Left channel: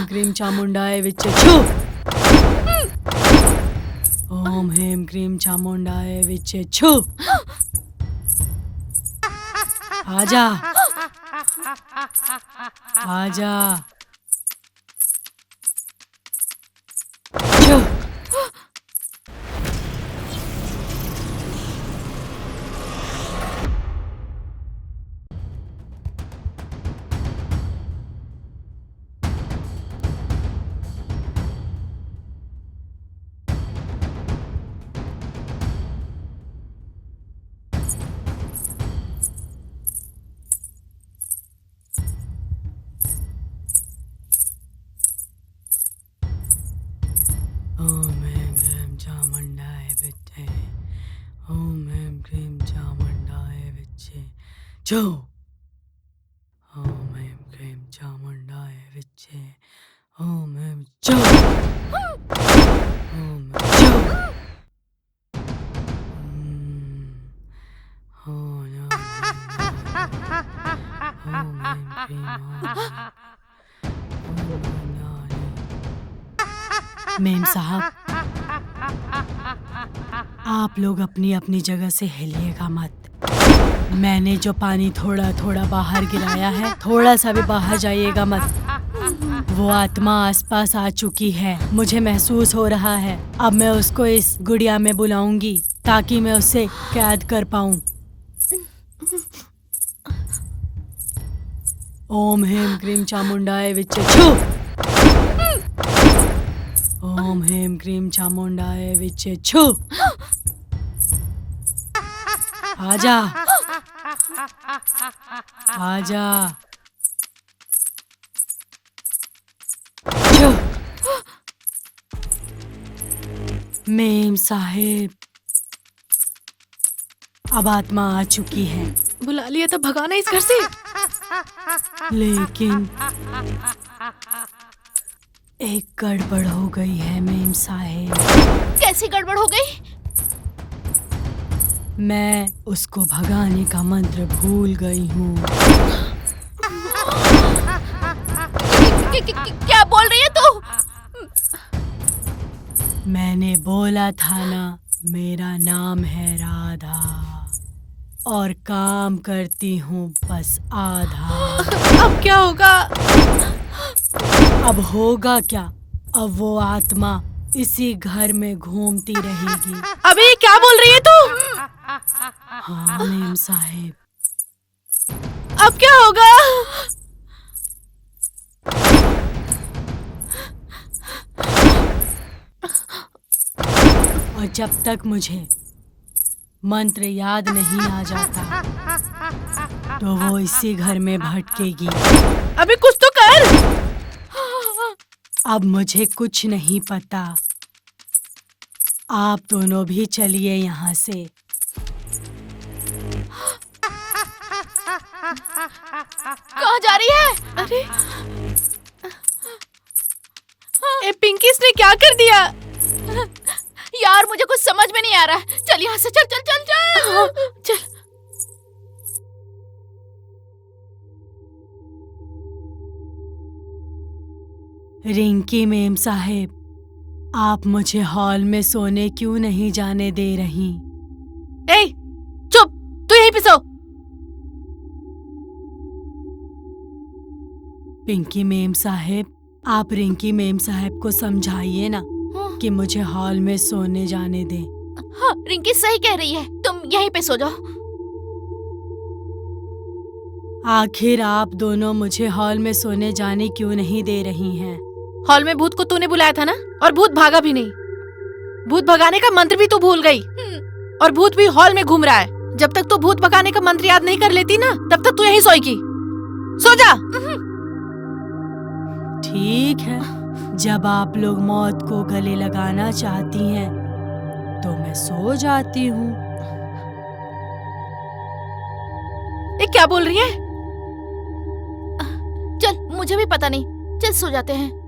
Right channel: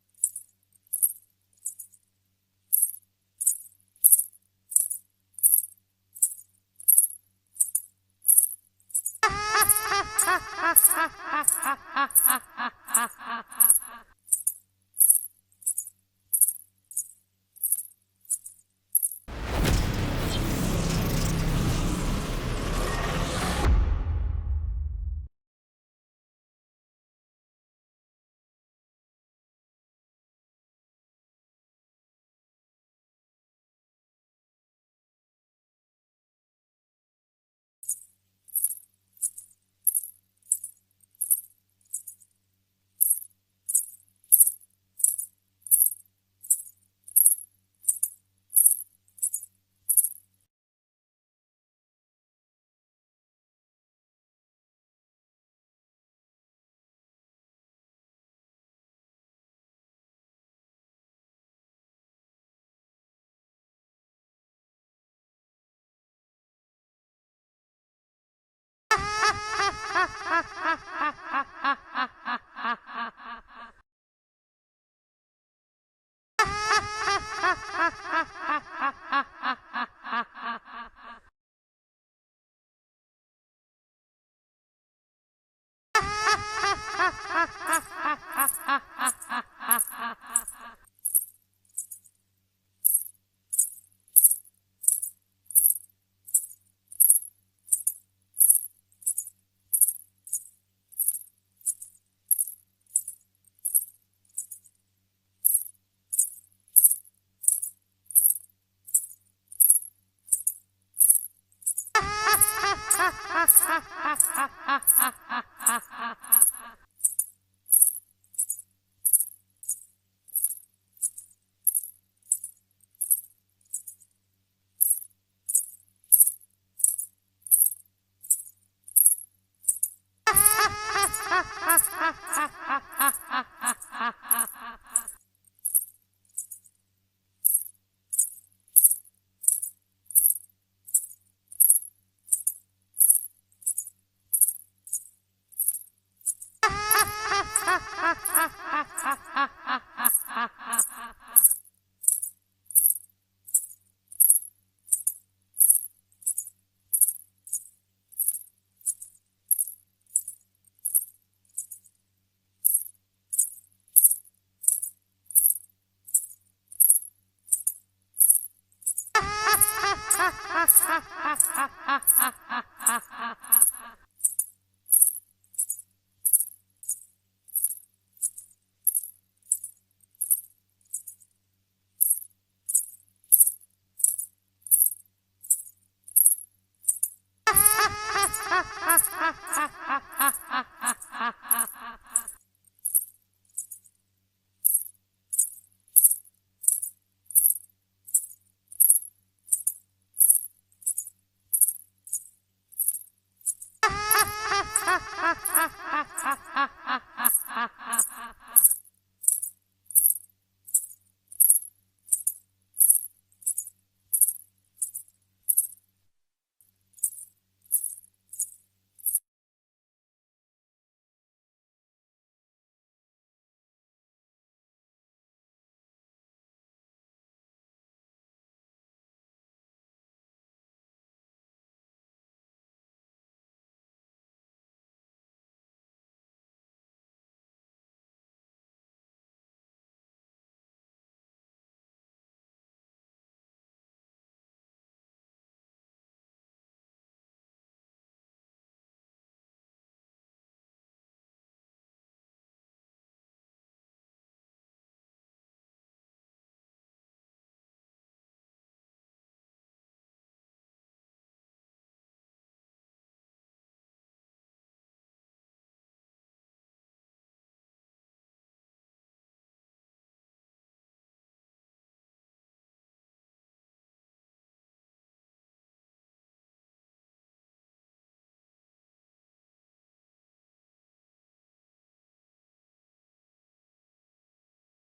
हेम cream चामुंडाय विच्चे छू। ओम हेम cream चामुंडाय विच्चे छू। आजा आजा छू। ओम हेम क्रीम चामुंडाय विच्चे। ओम हेम क्रीम चामुंडाय विच्चे छू। ओम हेम क्रीम चामुंडाय विच्चे। ओम हेम छू। ओम छू। हो ना। ओम हेम क्रीम मेम साहब, आप लोग अपनी अपनी जगह से हिलिएगा मत। मैंने जो पानी थोड़ा थोड़ा बाहर गिराया है, थोड़ा सा भी बाहर जाइएगा मत। वो आत्मा आसपास आ चुकी है, मुझे महसूस हो रहा है। अब मैं उसको इस गुड़िया में बुलाऊंगी ताकि मैं उससे कैद कर पाऊं। ओम हेम क्रीम चामुंडाय विच्चे छू। ओम हेम क्रीम चामुंडाय विच्चे छू। आजा आजा छू। मेम साहेब, अब आत्मा आ चुकी है, बुला लिया तो भगाना इस घर से। लेकिन एक गड़बड़ हो गई है मेम साहेब। कैसी गड़बड़ हो गई? मैं उसको भगाने का मंत्र भूल गई हूँ। क्या बोल रही है तू? मैंने बोला था ना, मेरा नाम है राधा और काम करती हूँ बस आधा। अब क्या होगा? अब होगा क्या? अब वो आत्मा इसी घर में घूमती रहेगी। अबे क्या बोल रही है तू? हाँ मेम साहेब। अब क्या होगा? और जब तक मुझे मंत्र याद नहीं आ जाता तो वो इसी घर में भटकेगी। अबे कुछ तो कर। अब मुझे कुछ नहीं पता, आप दोनों भी चलिए यहाँ से। कहाँ जा रही है? अरे ए पिंकी, इसने क्या कर दिया? यार मुझे कुछ समझ में नहीं आ रहा है। चल यहाँ से, चल चल चल चल चल। रिंकी मेम साहेब, आप मुझे हॉल में सोने क्यों नहीं जाने दे रही? ए चुप, तू यहीं पे सो। पिंकी मेम साहेब, आप रिंकी मेम साहेब को समझाइए ना कि मुझे हॉल में सोने जाने दें। हाँ, रिंकी सही कह रही है, तुम यहीं पे सो जाओ। आखिर आप दोनों मुझे हॉल में सोने जाने क्यों नहीं दे रही हैं? हॉल में भूत को तूने बुलाया था ना, और भूत भागा भी नहीं। भूत भगाने का मंत्र भी तू भूल गई, और भूत भी हॉल में घूम रहा है। जब तक तू भूत भगाने का मंत्र याद नहीं कर लेती ना, तब तक तू यहीं सोएगी। सो जा। ठीक है, जब आप लोग मौत को गले लगाना चाहती हैं तो मैं सो जाती हूँ। ये क्या बोल रही है? चल, मुझे भी पता नहीं, चल सो जाते हैं।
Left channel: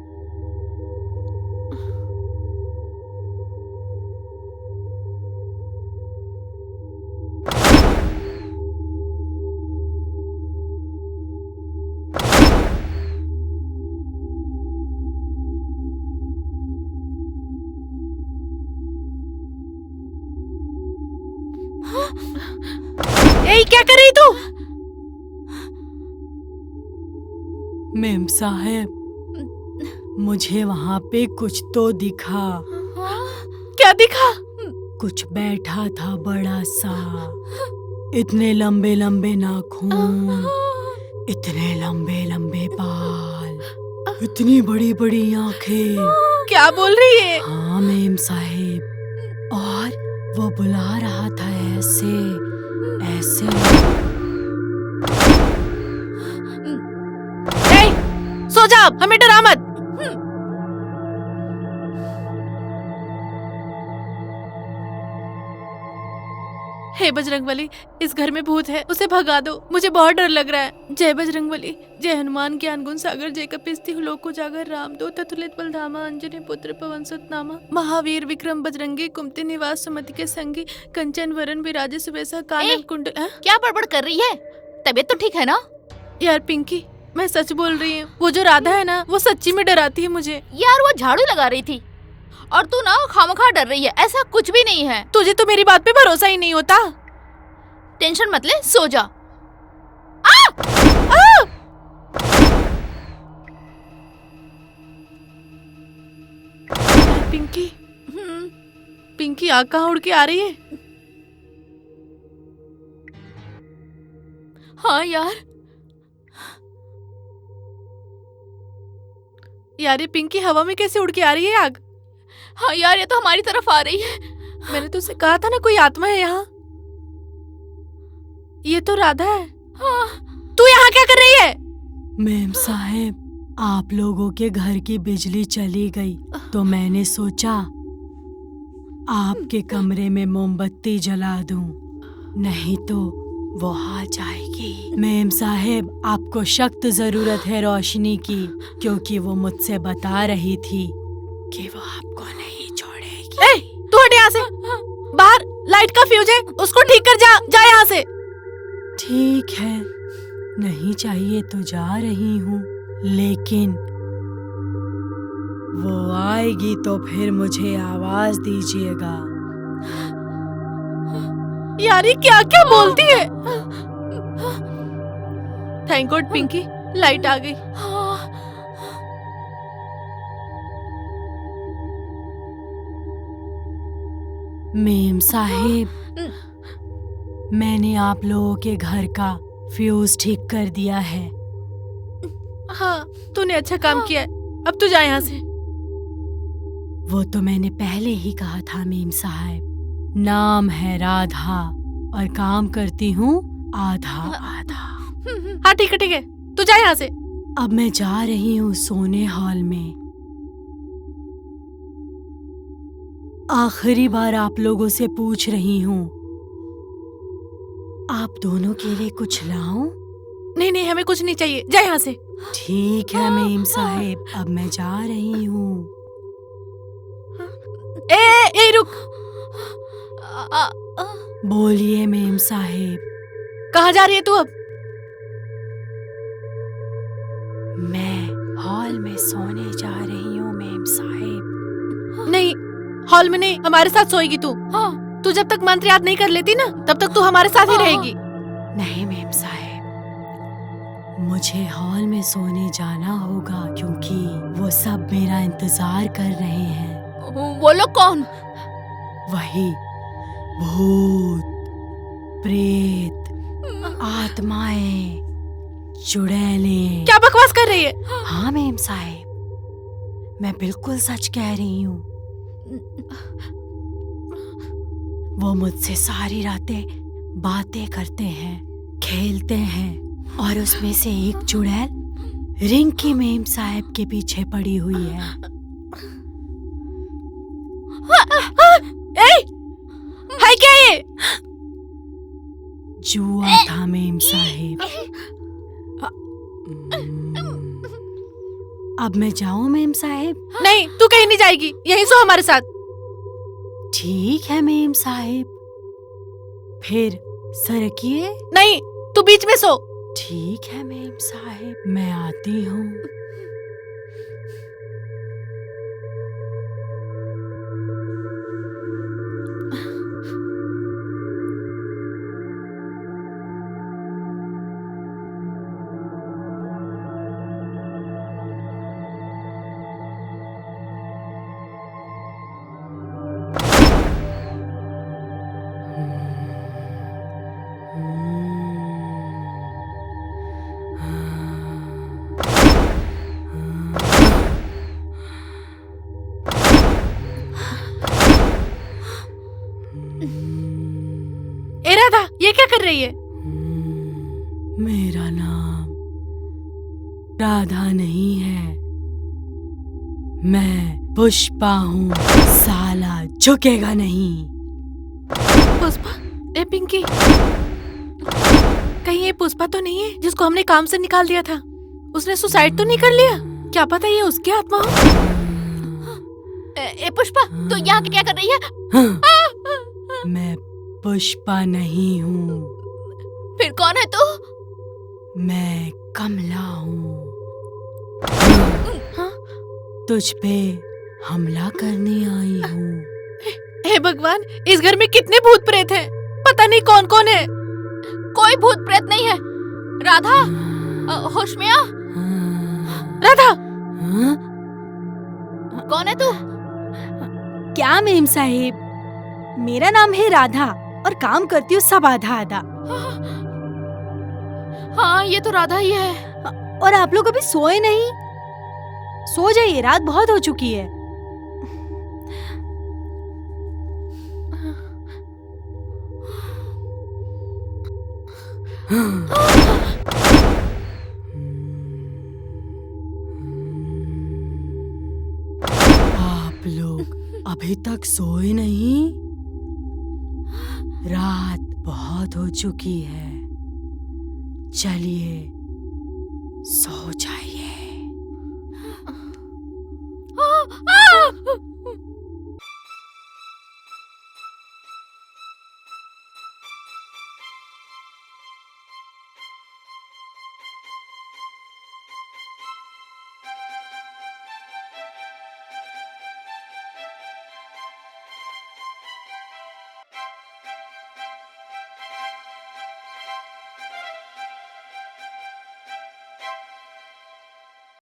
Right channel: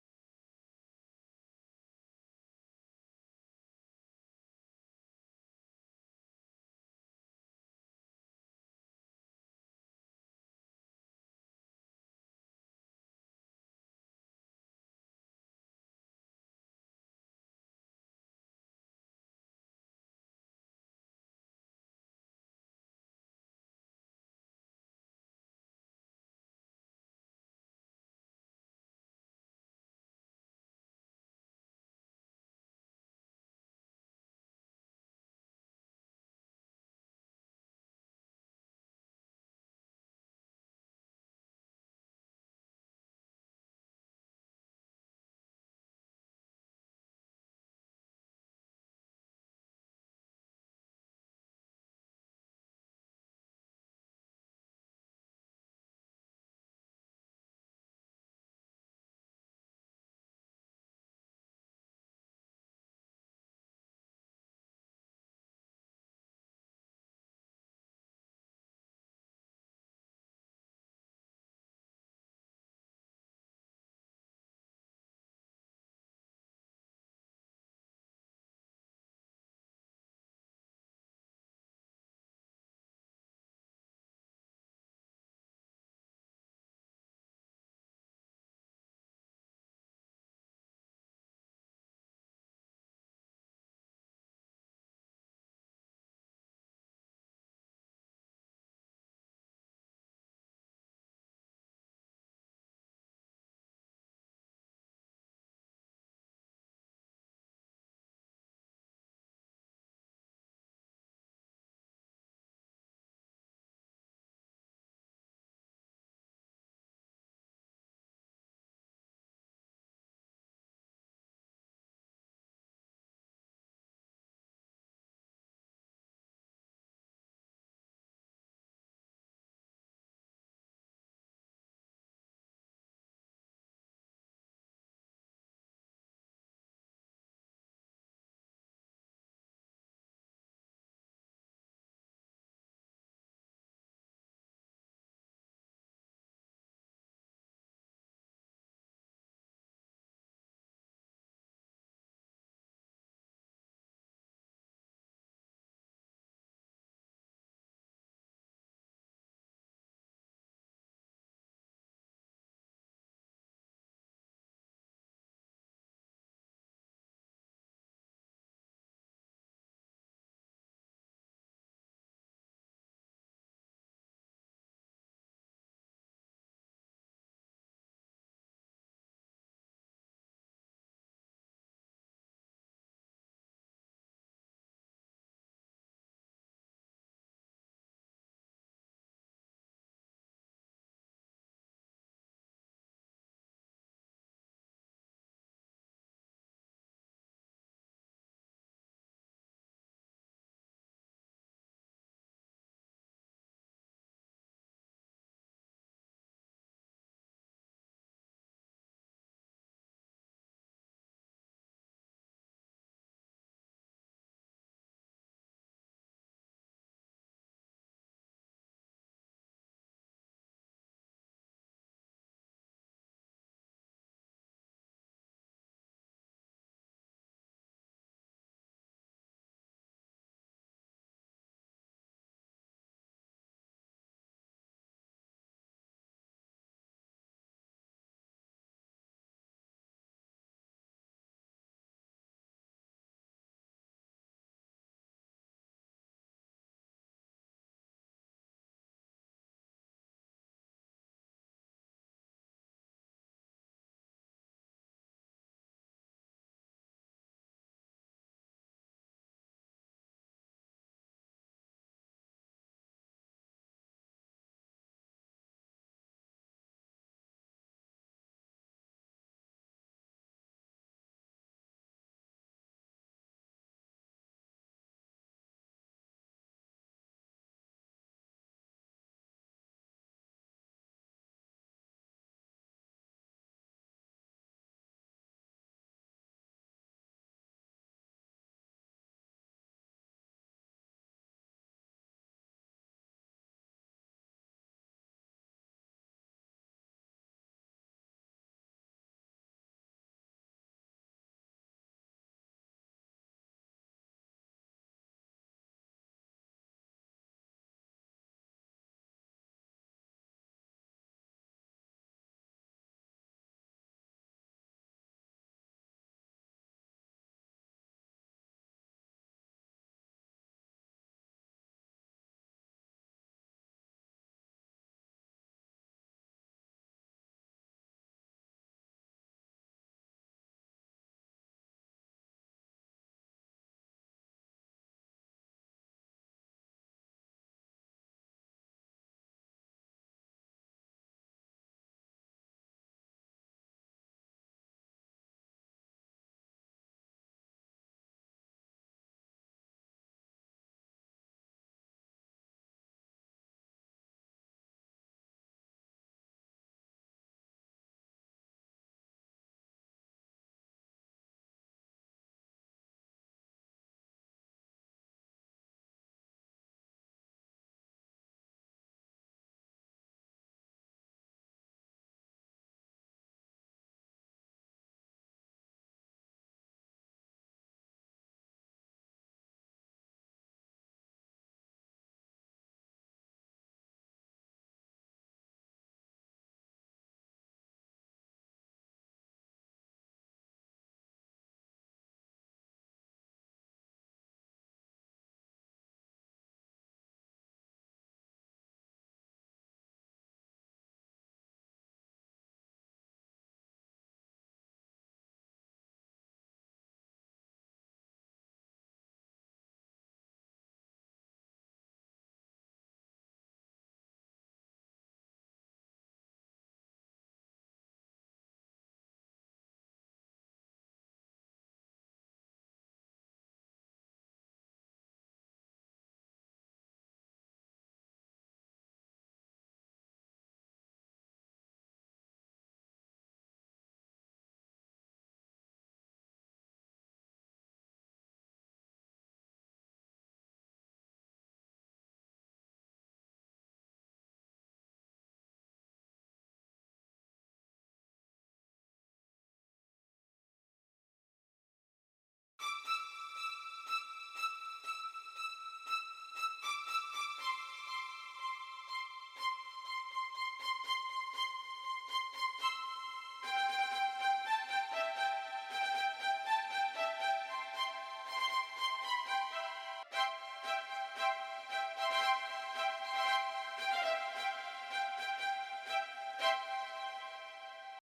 ए क्या कर रही तू? मेम साहब, मुझे वहाँ पे कुछ तो दिखा। क्या दिखा? कुछ बैठा था बड़ा सा, इतने लंबे लंबे नाखून, इतने लंबे लंबे बाल, इतनी बड़ी बड़ी आंखें। क्या बोल रही है? हाँ मेम साहिब, और वो बुला रहा था ऐसे ऐसे। ए, सो जा अब, हमें डरा मत। हे बजरंगबली, इस घर में भूत है, उसे भगा दो, मुझे बहुत डर लग रहा है। जय बजरंगबली, जय हनुमान ज्ञान गुण सागर, जय कपिस्ति लोक जागर, राम दो ततुलित बलधामा, अंजनी पुत्र पवन सुत नामा, महावीर विक्रम बजरंगी, कुमति निवास सुमति के संगी, कंचन वरन विराजे सुबेसा, कानन कुंडल। क्या बड़बड़ कर रही है? तबीयत तो ठीक है ना? यार पिंकी, मैं सच बोल रही हूँ, वो जो राधा है ना, वो सच्ची में डराती है मुझे। यार वो झाड़ू लगा रही थी और तू ना खामखा डर रही है, ऐसा कुछ भी नहीं है। तुझे तो मेरी बात पे भरोसा ही नहीं होता। टेंशन मत ले, सो जा। पिंकी, पिंकी आग कहाँ उड़ के आ रही है? हाँ यार, यार ये पिंकी हवा में कैसे उड़ के आ रही है आग? हाँ यार, ये तो हमारी तरफ आ रही है। मैंने तुझसे कहा था ना कोई आत्मा है यहाँ। ये तो राधा है। हाँ। तू यहाँ क्या कर रही है? मेम साहब, आप लोगों के घर की बिजली चली गई तो मैंने सोचा आपके कमरे में मोमबत्ती जला दूं, नहीं तो वो आ जाएगी। मेम साहब, आपको सख्त जरूरत है रोशनी की, क्योंकि वो मुझसे बता रही थी कि वो आपको नहीं छोड़ेगी। ए, तू हट यहाँ से। बाहर लाइट का फ्यूज है, उसको ठीक कर, जा जा यहाँ से। ठीक है, नहीं चाहिए तो जा रही हूँ, लेकिन वो आएगी तो फिर मुझे आवाज दीजिएगा। यार ये क्या क्या बोलती है? थैंक गॉड पिंकी, लाइट आ गई। मेम साहिब, मैंने आप लोगों के घर का फ्यूज ठीक कर दिया है। हाँ, तूने अच्छा काम किया है। अब तू जा यहाँ से। वो तो मैंने पहले ही कहा था मेम साहब, नाम है राधा और काम करती हूँ आधा आधा। हाँ ठीक है, तू जा यहाँ से। अब मैं जा रही हूँ सोने हॉल में। आखिरी बार आप लोगों से पूछ रही हूँ, आप दोनों के लिए कुछ लाऊं? नहीं, हमें कुछ नहीं चाहिए, जा यहाँ से। ठीक है मेम साहिब, अब मैं जा रही हूँ। ए रुक। बोलिए मेम साहिब। कहाँ जा रही है तू अब? मैं हॉल में सोने जा रही हूँ मेम साहिब। नहीं, हॉल में नहीं, हमारे साथ सोएगी तू। हाँ। तू जब तक मंत्र याद नहीं कर लेती ना, तब तक तू हमारे साथ ही रहेगी। नहीं मेम साहिब, मुझे हॉल में सोने जाना होगा, क्योंकि वो सब मेरा इंतजार कर रहे हैं। वो लोग कौन? वही भूत, प्रेत, आत्माएं, चुड़ैलें। क्या बकवास कर रही है? हाँ मेम साहिब, मैं बिल्कुल सच कह रही हूँ। वो मुझसे सारी रातें बातें करते हैं, खेलते हैं, और उसमें से एक चुड़ैल रिंकी मेम साहब के पीछे पड़ी हुई है। है क्या ये? जुआ था मेम साहिब। अब मैं जाऊं मेम साहिब? नहीं, तू कहीं नहीं जाएगी, यहीं सो हमारे साथ। ठीक है मेम साहिब, फिर सरकिए। नहीं, तू बीच में सो। ठीक है मेम साहिब, मैं आती हूँ। ये क्या कर रही है? मेरा नाम राधा नहीं है, मैं पुष्पा हूँ, साला झुकेगा नहीं। पुष्पा? ए पिंकी, कहीं ये पुष्पा तो नहीं है जिसको हमने काम से निकाल दिया था? उसने सुसाइड तो नहीं कर लिया? क्या पता ये उसकी आत्मा हो। ए पुष्पा, तू यहाँ क्या कर रही है? मैं पुष्पा नहीं हूँ, फिर कौन है तू? मैं कमला हूँ। तुझ पे हमला करने आई हूँ। हे भगवान, इस घर में कितने भूत प्रेत हैं? पता नहीं कौन कौन है। कोई भूत प्रेत नहीं है। राधा, होश में आ। राधा, कौन है तू? क्या मेम साहिब, मेरा नाम है राधा और काम करती हूँ सब आधा आधा। हाँ, ये तो राधा ही है। और आप लोग अभी सोए नहीं? सो जाइए, रात बहुत हो चुकी है। आप लोग अभी तक सोए नहीं? रात बहुत हो चुकी है, चलिए सो जाइए।